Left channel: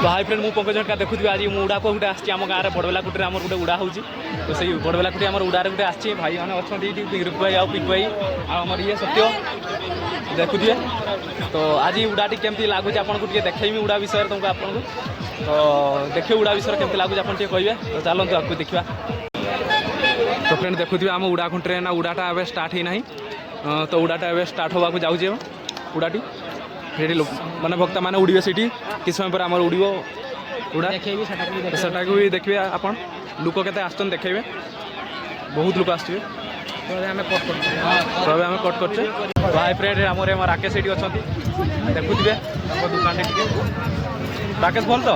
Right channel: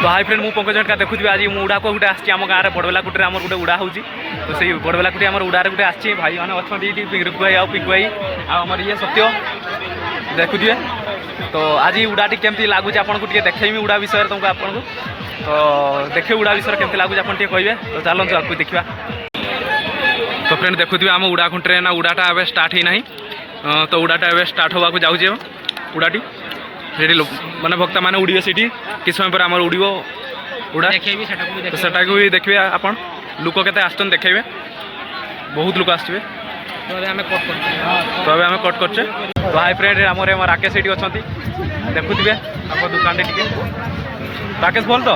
तो high friend मुझे पंकज झटका देखुथि आज उड़ा को गोटे आम गाँव में बड़बेलाकुटी आम गोटे उड़ा होची तो सही बड़बेलाकुटी आम उड़ारे गोटे आसी भाई मैंने अच्छा रुकु भाई आउ पिकु भाई आमर ये सत्य देखुए तो आज उड़ाटी केमती लगुच आपको देखेमी उड़ा विषय तुमको आपको तो देखिए उड़ा विषय केमती लगुच आप कहे तो चलते आपको देखा तो फ्रेंड देखुए आम उड़ा खुंटे ना उड़ाटा ए स्टार्ट ही ना तो उड़ाटा ए स्टार्ट होगा जाऊे उड़ाटी से माने भक्ता मैंने उड़े सीटी कि समय पर आम उड़ उड़ा सेटा को भी देखिए आप लोक के आसन देखेबे बहुत लोक आसवे तो आम कट करचे तो हाई फ्रेंड आम राकेश ये अच्छा देखुए दुकान राकेश बोल तो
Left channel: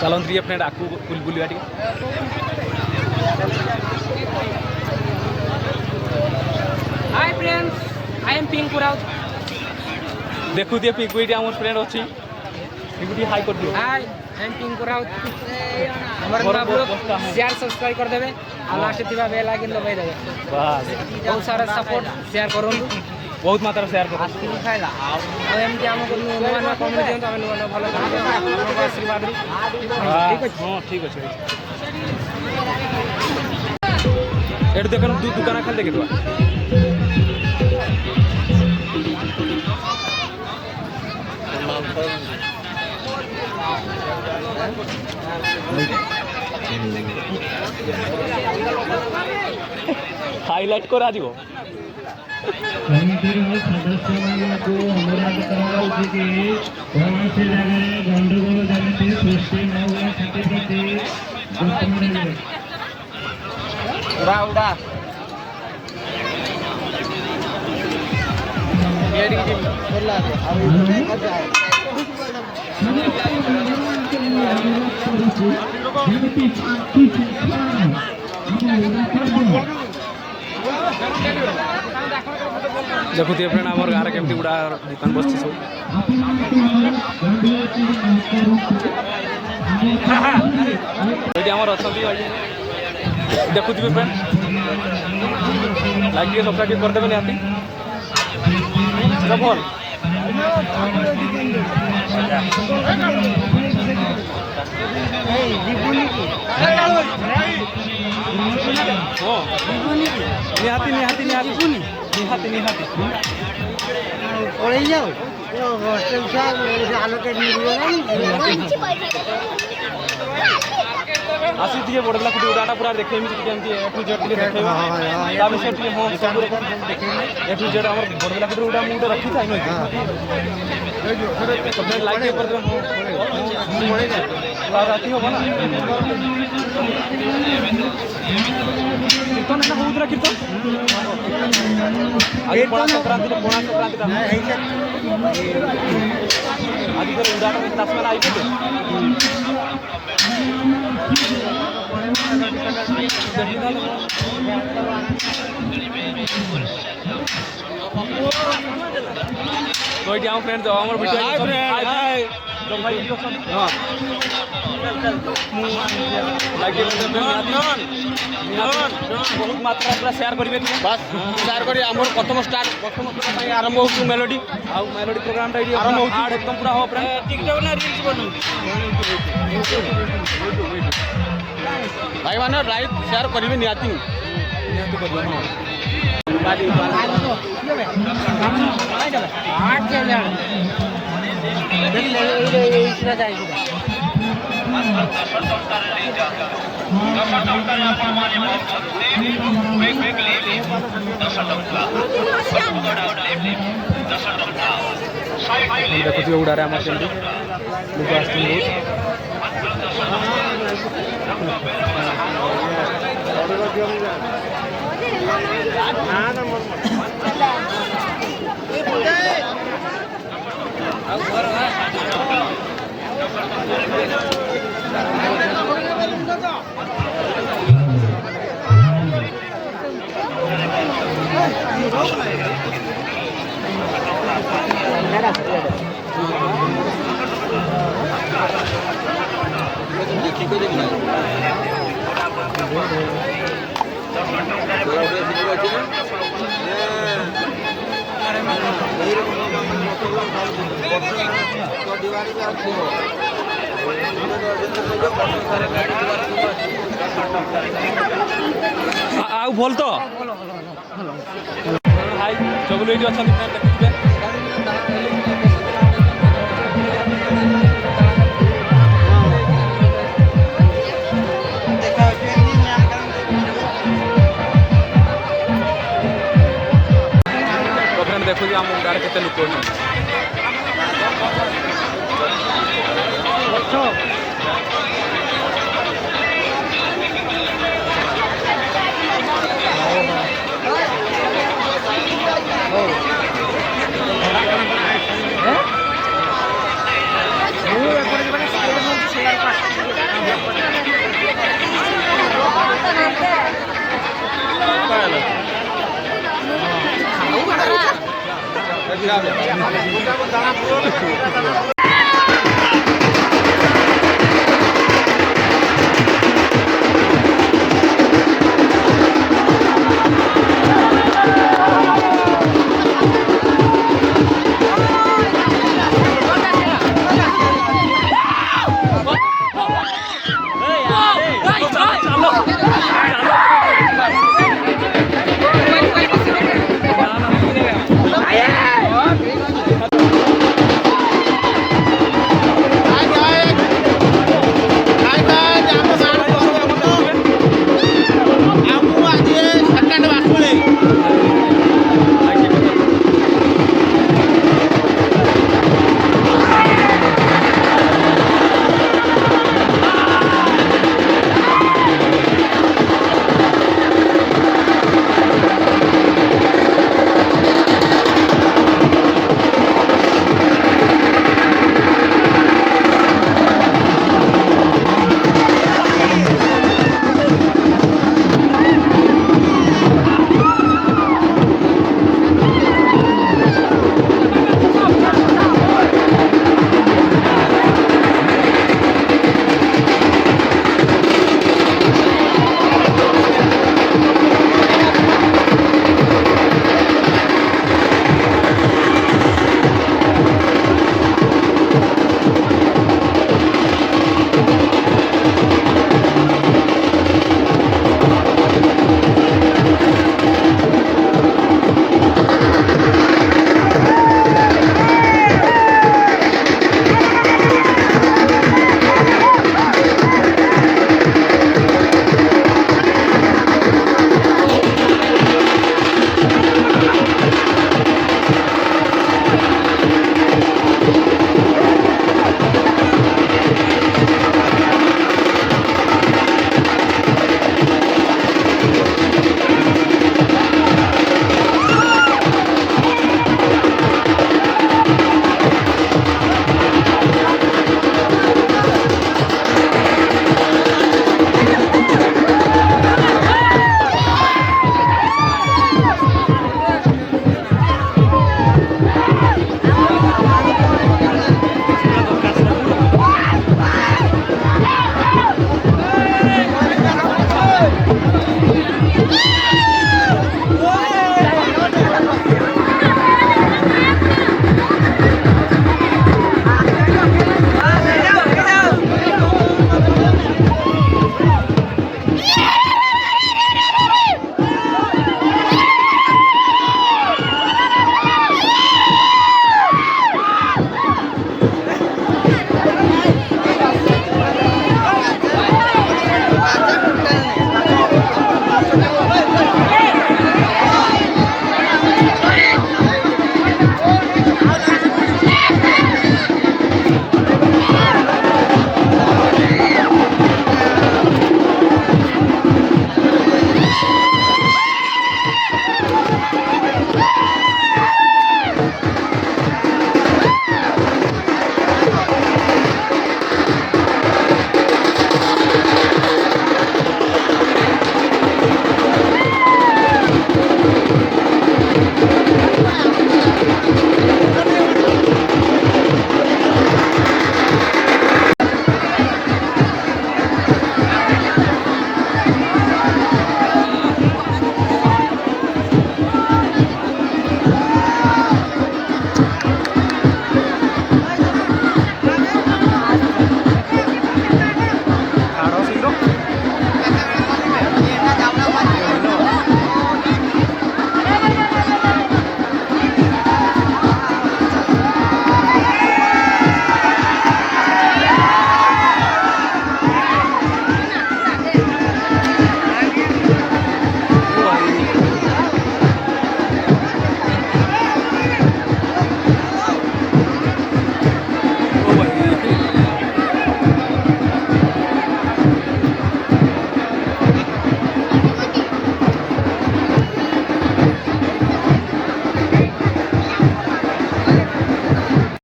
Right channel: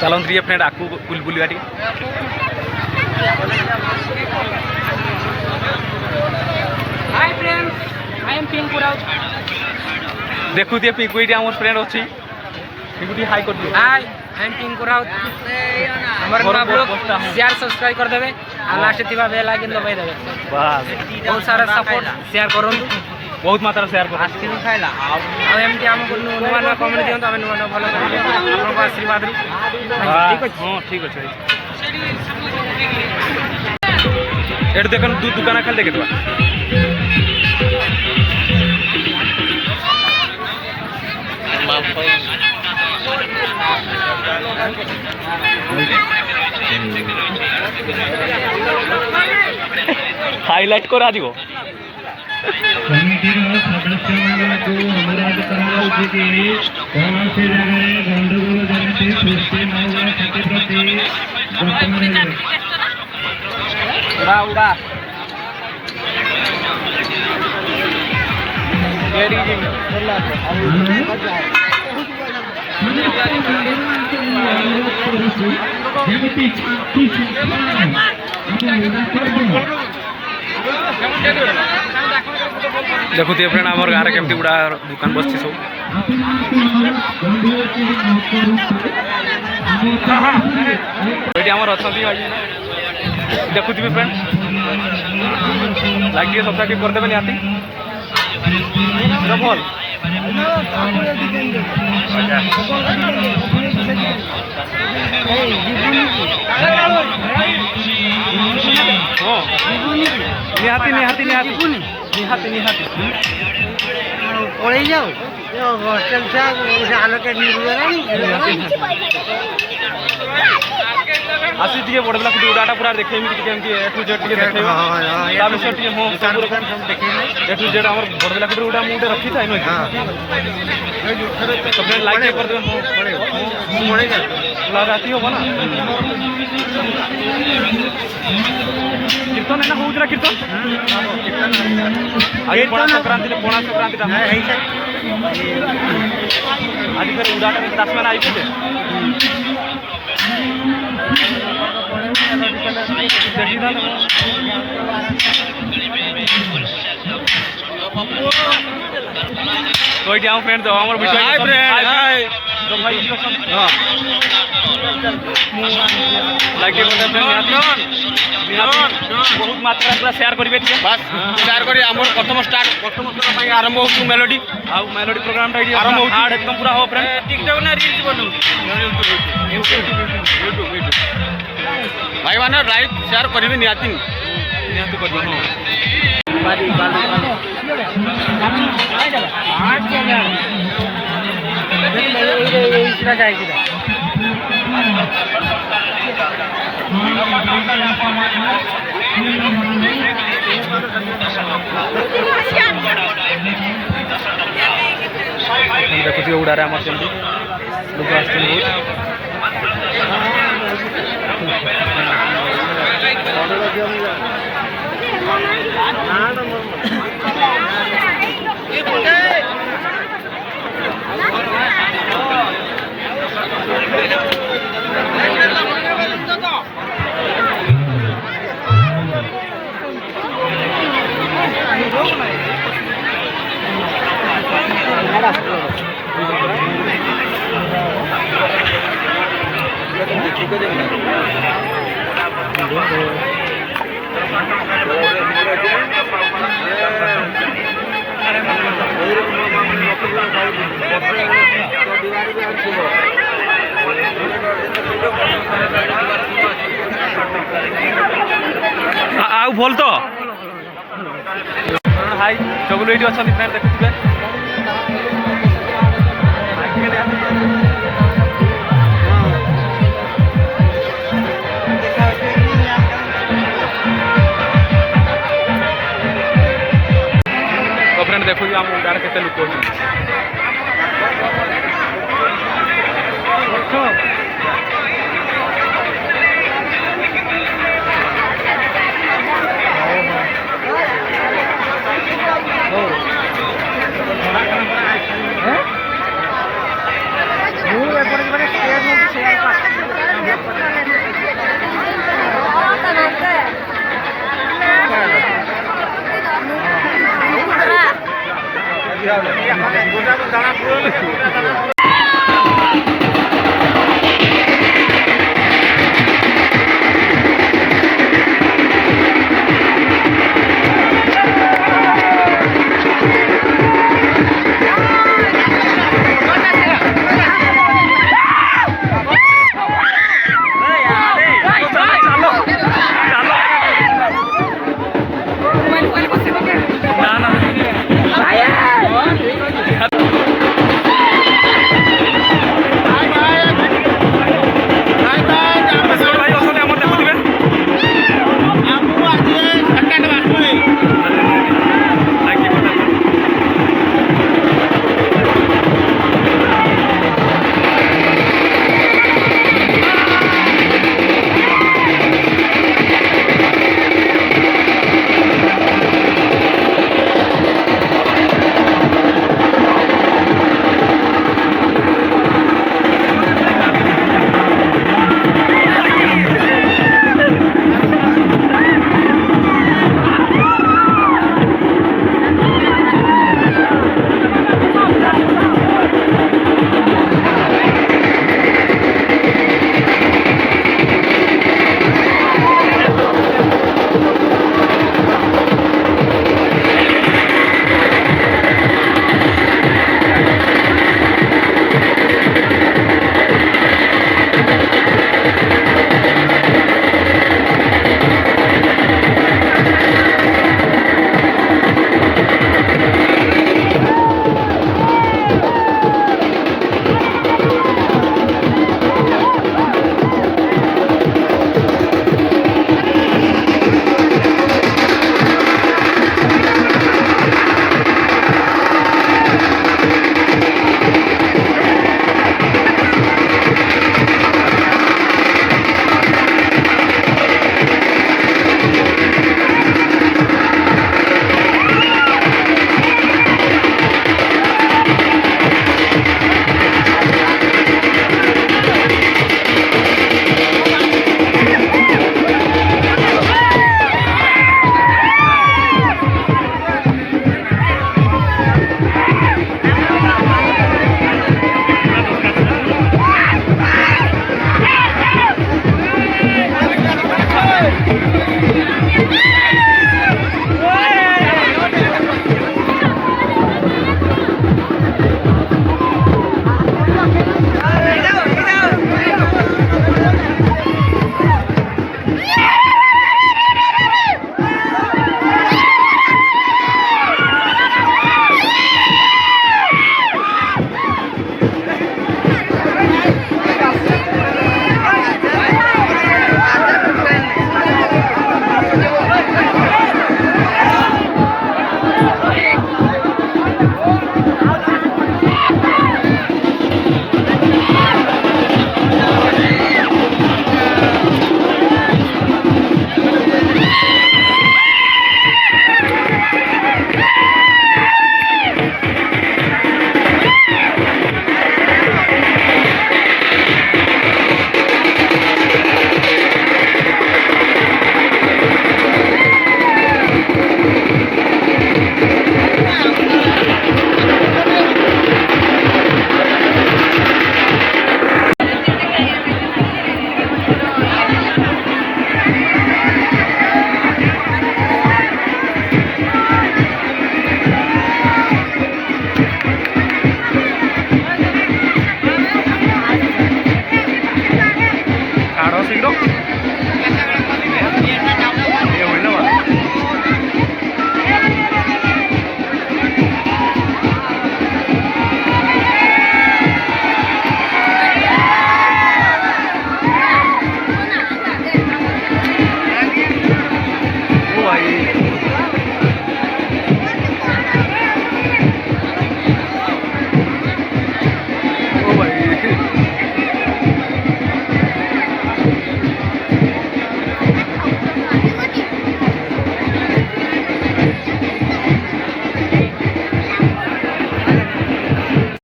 चलते ये फ्रेंड आकू बुलबुलिया hi friends I am Pinku Raut देखुए पिंकू ये आम फ्रेंड अच्छी पिंकू हाई कर दियो hi I am Pinku Raut हमारे ब्लॉग शेयर सब्सक्राइब कर देबे आ लास्ट थिबा बेल आइकन दबाई देबे बस बहुत सारा सपोर्ट शेयर करंतु बहुत मात्रा शेयर कर आस्किन खाइला आ एमती हमको नुआ नुआ कमेंट दियंतु आमे नुआ नुआ भलो करिबे आपनको आशीर्वाद रु ठीक अछि हां ठीक अछि एट देखन दू दुकान खाली देखे देबा हाईलाइट करा दियो कमिटीर सदस्य मानक अनुरोध कराउछि कि कौनसी जगह गंडगोल जनित सृष्टि न हुआ प्रति जतन उड़ा उड़ा देखुए फ्रेंड आम गाँव केमती गुड़ा दुकान बसती सब ये आम अच्छा देखुए फ्रेंड लगे सब्सक्राइब करदेवे निहाती भल हाँ निहाती निहाती निहाती निहाती निहाती पड़े जाओ हॉस्टल से आलोकेट आसी टे बड़बेलाकुटी उड़ाटा पूरा देखेमी केमती ए टू जेड टे देखेबा ता विषय टे हो सब ए टू जेड हमर बड़बेलाकुटी उड़ा मुटे रखी थाई न तो फ्रेंड लाइक कर देबे पड़ेगा लगाती हो ना कीर्तन है ना होउतरा कीर्तन आज पोणा संक्रांति ता आज फिर उड़ाटा में 10 मैंने आई पे देखी था तो ये आम फ्रेंड हमर वीडियो हाय फ्रेंड हाय तो भाई वीडियो सुन हां लाइक कर दे बहुत मात्रा पूरा शेयर करिवे बस शेयर करी हमर प्रथम स्टार्ट प्रथम स्तर पई आरंभ हो मेलोडी आ मेलोडी प्रोग्राम टा आरंभ हो हार्ड एकदम पूरा हो फ्रेंड टिकटॉक ना रील्स बनौ यूट्यूब भाई माने लाइक शेयर करिवे नियाती नियाती करबो हां देखुए उड़ारे आम केमती लोक आस ଆଉ ଭଲ ତ ହାଇ ଚଗୁଲ ଏଇଠି ଅଛନ୍ତି ଫ୍ରେଣ୍ଡ ଦେଖୁଥିବେ। ତ ଫ୍ରେଣ୍ଡ ଦେଖୁଛୁ ଆମ ଉଡ଼ାରେ କେତେ ଲୋକ ଅଛନ୍ତି।